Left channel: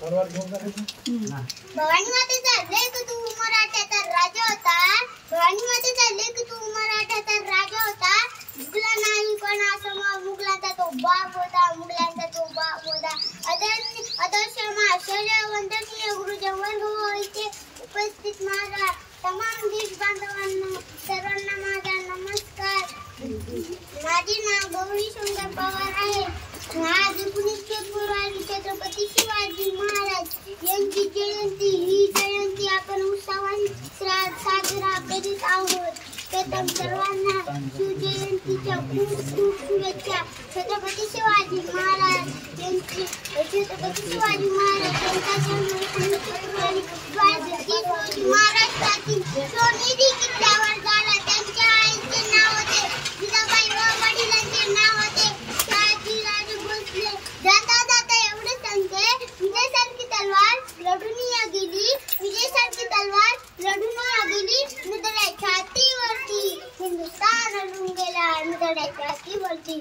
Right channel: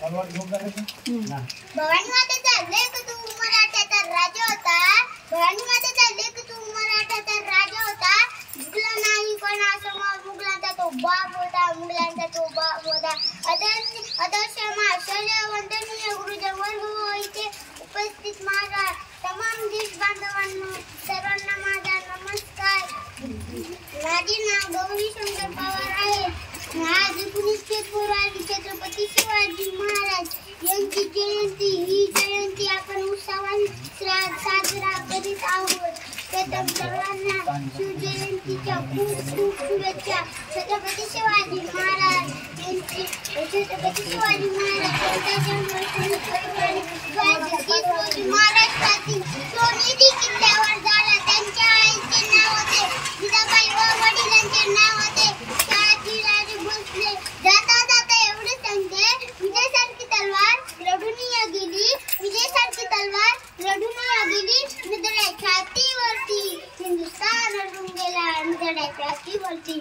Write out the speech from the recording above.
भवानी मातेचा लेक तू मराठ्याचा राजा होता. भवानी मातेचा लेक तू मराठ्याचा राजा होता. मुगला नाही कोणासमोर मुगलांचा तो बाप होता. मुगलांचा तो बाप होता. आदर्श आश्चर्य वंदनीय गुरुजन वर्ग इथे उपस्थित माझा तमाम देश बांधवांना सर्वांना माझा नमस्कार. माझे नाव गौरी शंकर पवार आहे. आज 19 फेब्रुवारी छत्रपती शिवाजी महाराज यांची जयंती. ही जयंती आपण उत्सवाने साजरा करीत आहोत. प्रथम सर्वांना शिवजयंतीच्या खूप खूप शुभेच्छा. छत्रपती शिवाजी महाराज यांचा जन्म 19 फेब्रुवारी 2030 रोजी महाराष्ट्रातील सोनेरी किल्ल्यावर झाला. त्यांच्या आईचे नाव होते जिजाबाई व वडिलांचे नाव होते शहाजीराजे भोसले. जाता जाता एवढे सांगते, विजयासारखी तलवार लढून गेली. विजयासारखी तलवार लढून गेली. मुदड्याच्या छातीवरती हिंदुस्थान लढून गेला. मुदड्याच्या छातीवरती